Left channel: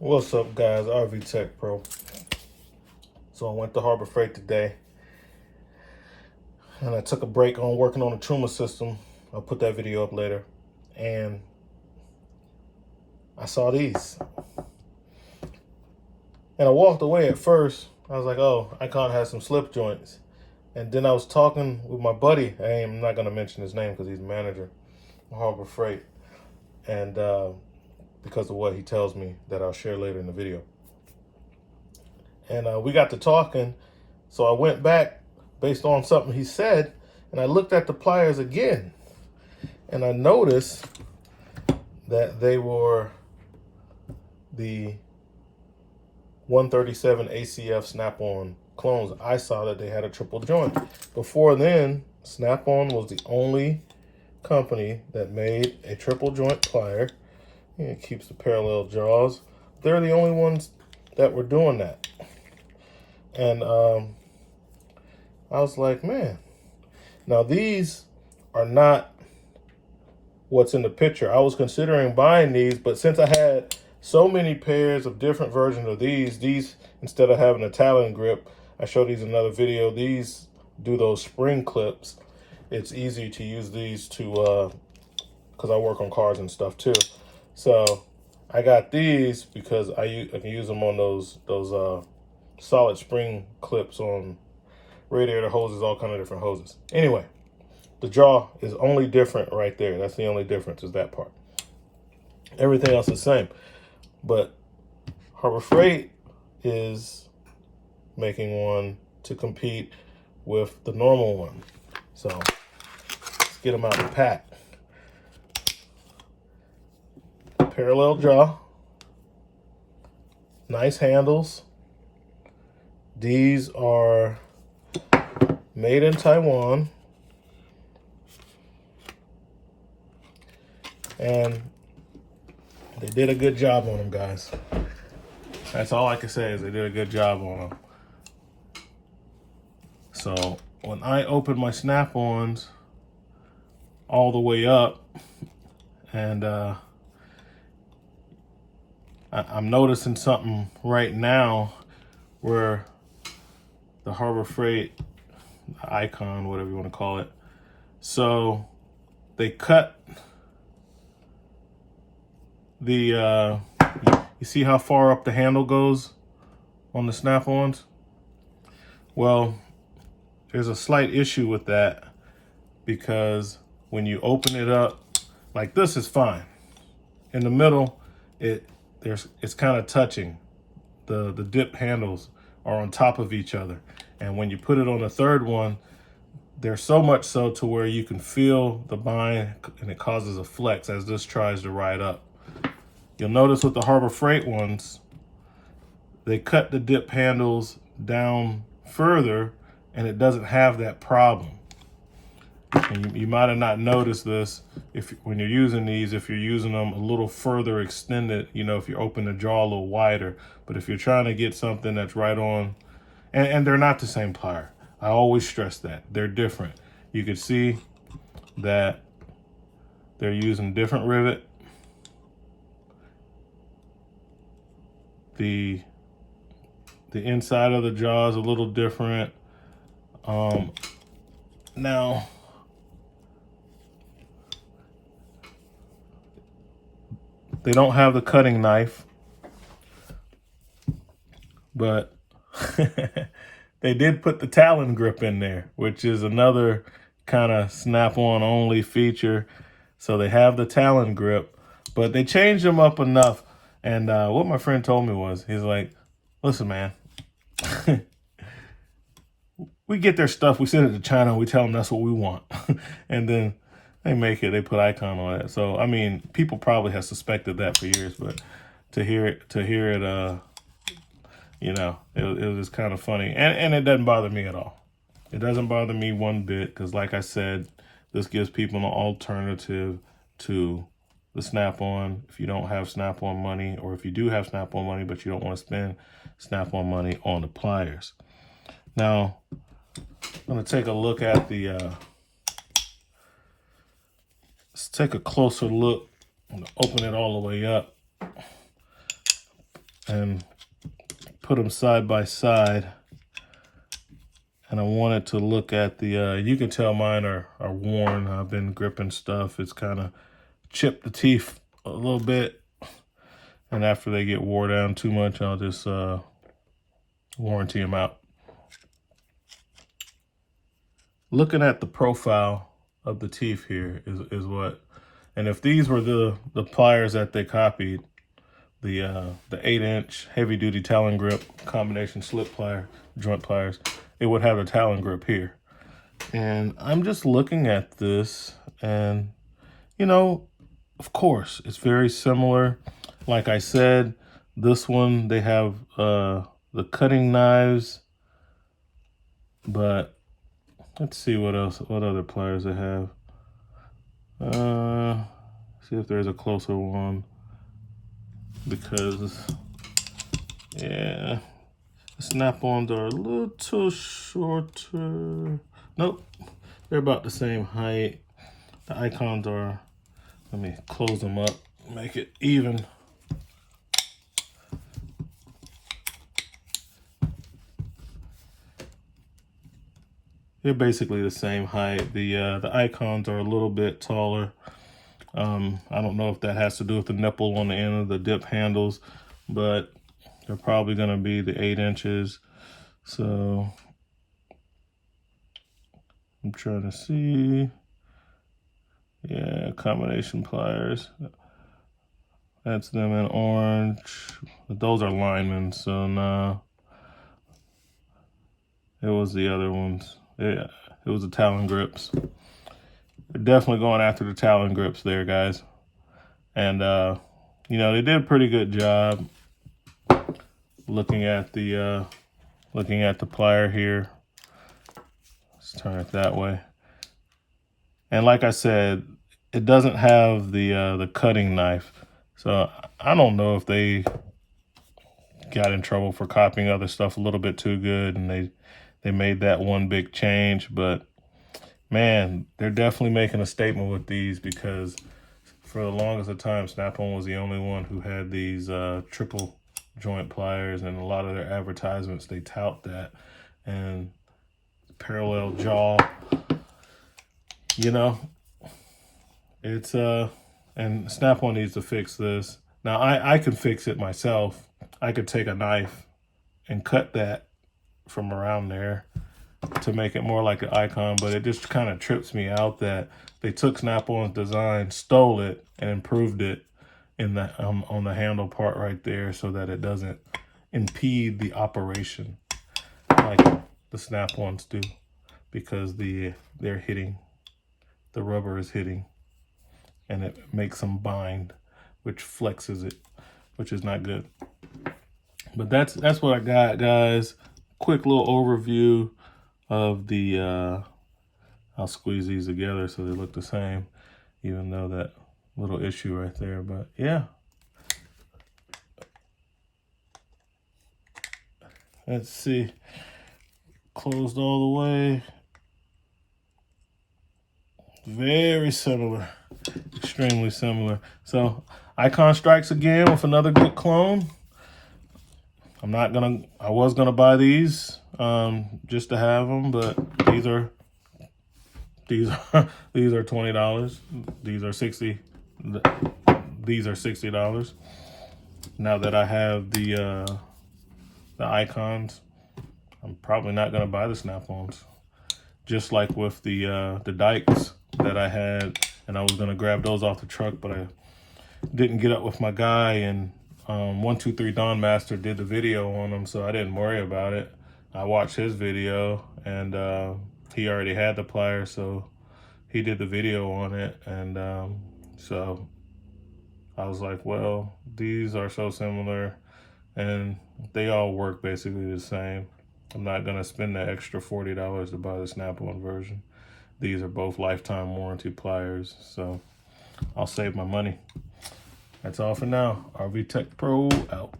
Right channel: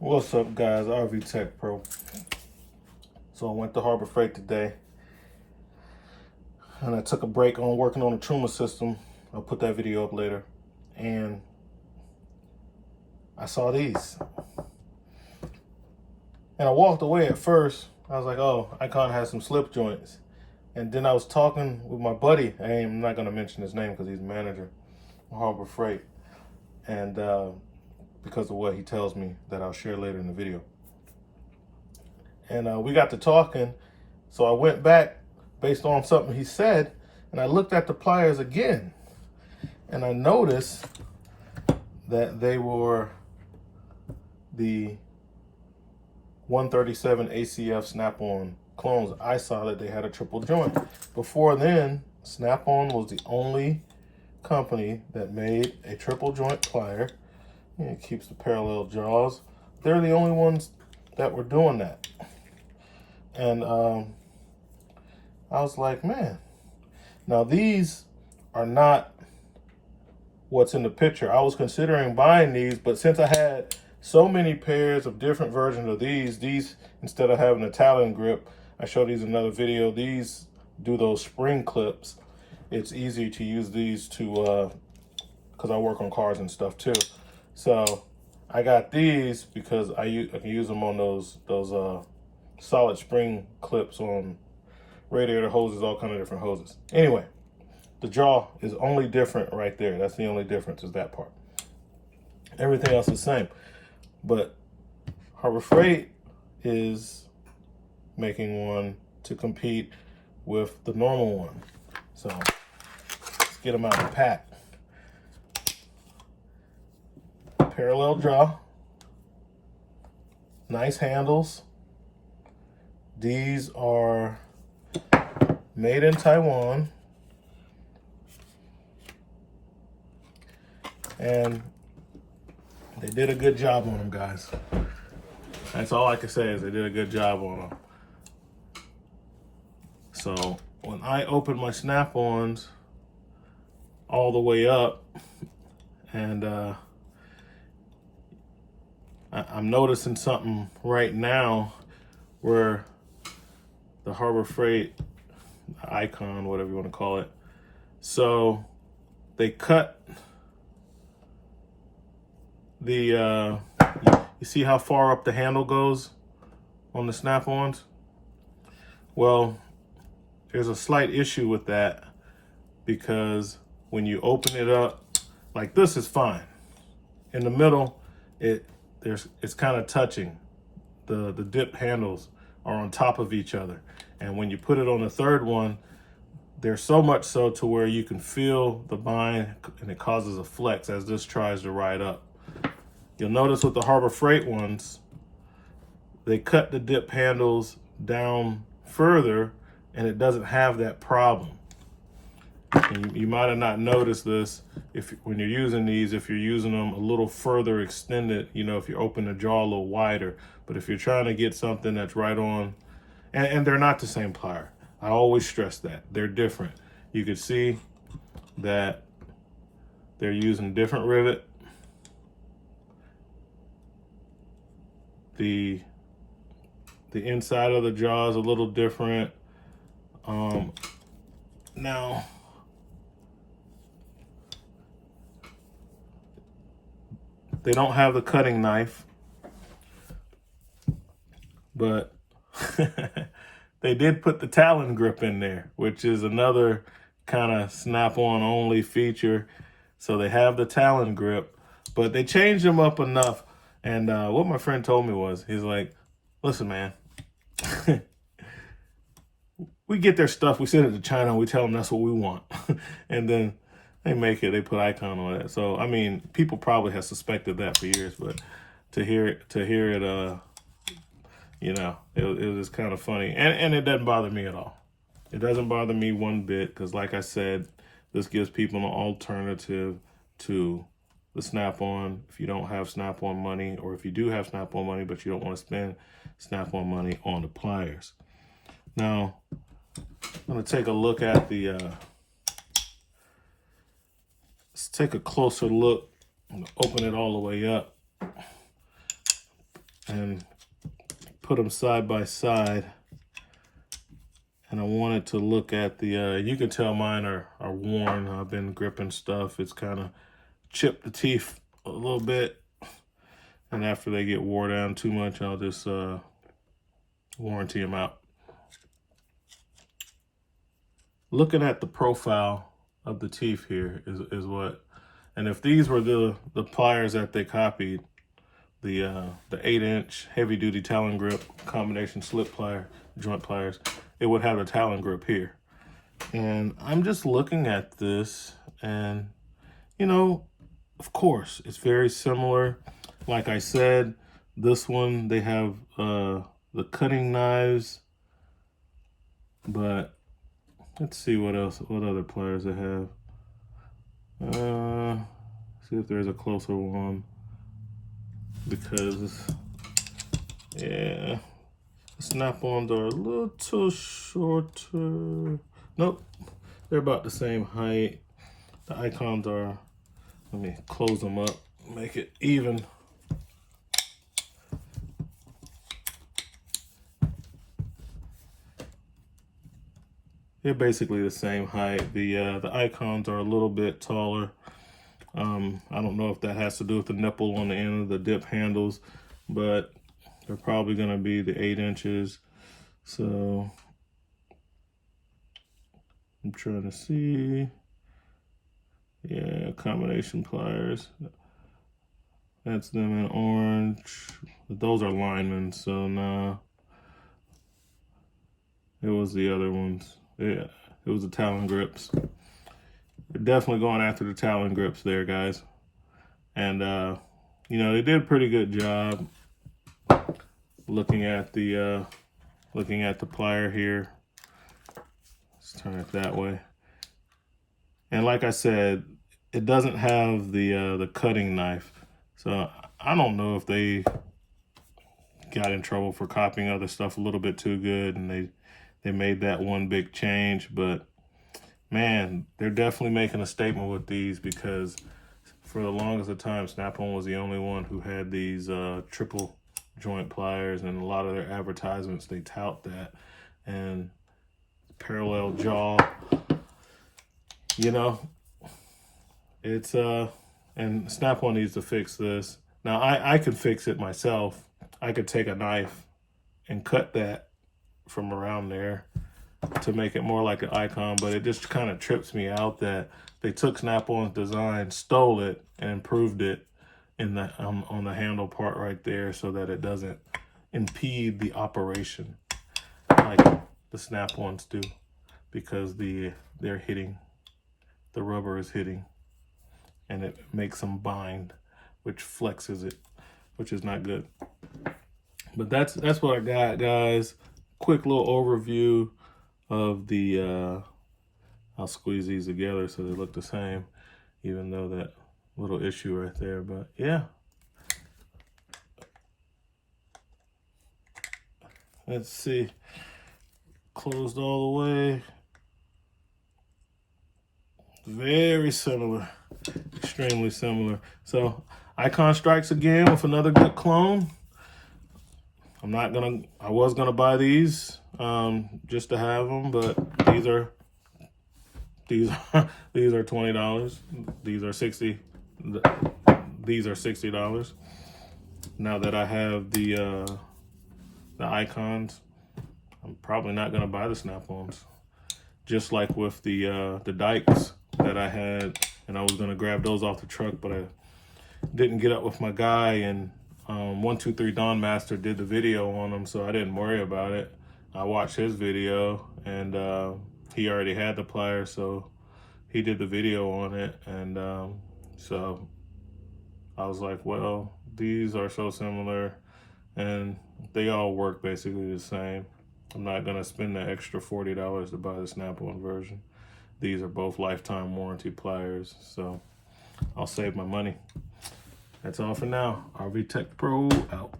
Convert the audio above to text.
What's up, guys? RV Tech Pro. So I went to Harbor Freight today, and I took a break on working on the Truma system. I'll put that video up later. And I saw these, and I walked away at first. I was like, "Oh, Icon has some slip joints." And then I was talking with my buddy. I'm not gonna mention his name because he's manager of Harbor Freight, and because of what he tells me that I'll share later in the video. And we got to talking, so I went back based on something he said, and I looked at the pliers again, and I noticed that they were the 137 ACF Snap-on clones. I saw that they had a triple joint. Before then, Snap-on was the only company that made a triple joint plier. It keeps the parallel jaws. They're the only ones that were doing that. And I was like, man, now these are not what's in the picture. I was considering buying these, but since I had so many pairs of different versions of these instead of having a talon grip, I showed these in another video, these do those spring clips. It's easy to use these to, because I work on cars and stuff too. So I got these because I can use them on those solid spring clips on radiator hoses, all kind of different hoses. Anyway, the jaw is only different right there. That's the only difference, is that part. Everything else is the same. But Harbor Freight is making one to compete with the normal one. So let's get them out of the pack. Parallel jaw, nice handles. These are made in Taiwan, and they did a good job on them, guys. That's all I can say, is they did a good job on them. So when I open my Snap-ons all the way up, and I'm noticing something right now where the Harbor Freight Icon, whatever you want to call it, so they cut the you see how far up the handle goes on the Snap-ons? Well, there's a slight issue with that, because when you open it up, like this is fine. In the middle, it's kind of touching. The dip handles are on top of each other. And when you put it on the third one, there's so much so to where you can feel the bind, and it causes a flex as this tries to ride up. You'll notice with the Harbor Freight ones, they cut the dip handles down further, and it doesn't have that problem. And you might have not noticed this when you're using these, if you're using them a little further extended, you know, if you open the jaw a little wider. But if you're trying to get something that's right on, and they're not the same plier. I always stress that. They're different. You can see that they're using different rivet. The inside of the jaw is a little different. Now, they don't have the cutting knife, but they did put the talon grip in there, which is another kind of Snap-on only feature. So they have the talon grip, but they changed them up enough. And what my friend told me was, he's like, listen, man, we get their stuff, we send it to China, we tell them that's what we want. And then they make it, they put Icon on it. So, I mean, people probably have suspected that for years, but to hear it, you know, it was kind of funny. And it doesn't bother me at all. It doesn't bother me one bit, because like I said, this gives people an alternative to the Snap-on. If you don't have Snap-on money, or if you do have Snap-on money but you don't want to spend Snap-on money on the pliers. Now, I'm going to take a look at the, let's take a closer look. I'm going to open it all the way up. and put them side by side. And I wanted to look at the, you can tell mine are worn. I've been gripping stuff. It's kind of chipped the teeth a little bit. And after they get wore down too much, I'll just warranty them out. Looking at the profile of the teeth here is what, and if these were the pliers that they copied, the 8-inch heavy-duty talon grip combination slip plier, joint pliers, it would have a talon grip here. And I'm just looking at this, and you know, of course, it's very similar. Like I said, this one, they have the cutting knives, but let's see what else, what other pliers they have. See if there's a closer one, because yeah, the snap-ons are a little shorter. Nope, they're about the same height. The icons are, let me close them up, make it even. They're basically the same height. The icons are a little bit taller. I don't know if that has to do with the nipple on the end of the dip handles, but they're probably going to be the 8 inches. So I'm trying to see. Yeah, combination pliers. That's them in orange. But those are linemen, so no. It was the other ones. Yeah, it was the talon grips. They're definitely going after the talon grips there, guys. And you know, they did a pretty good job looking at the plier here. Let's turn it that way. And like I said, it doesn't have the cutting knife. So I don't know if they got in trouble for copying other stuff a little bit too good, and they made that one big change. But man, they're definitely making a statement with these, because for the longest of time, Snap-on was the only one who had these triple joint pliers, and a lot of their advertisements, they tout that. And parallel jaw, you know, it's and Snap-on needs to fix this. Now I could fix it myself. I could take a knife and cut that from around there to make it more like an icon, but it just kind of trips me out that they took Snap-on's design, stole it, and improved it in the on the handle part right there, so that it doesn't impede the operation like the Snap-ons do, because they're hitting, the rubber is hitting, and it makes them bind, which flexes it, which is not good. But that's what I got, guys. Quick little overview of the I'll squeeze these together so they look the same, even though that little issue right there. But yeah, let's see, closed all the way. Very similar, extremely similar. So Icon strikes again with another good clone. I was gonna buy these just to have them, but these are $20. These are $60. Now that I have the icons, I'm probably not gonna buy the Snap-ons. Just like with the dikes that I had, and I was gonna grab those off the truck, but I didn't get up with my guy, and 123 Don Master did the video on them, so I didn't worry about it. I watched his video, and he already had the pliers, so he did the video on it. And so I was like, well, these are so similar, and they all work basically the same. I'm not gonna spend the extra $40 to buy the Snap-on version. These are both lifetime warranty pliers, so I'll save my money. That's all for now. RV Tech Pro out.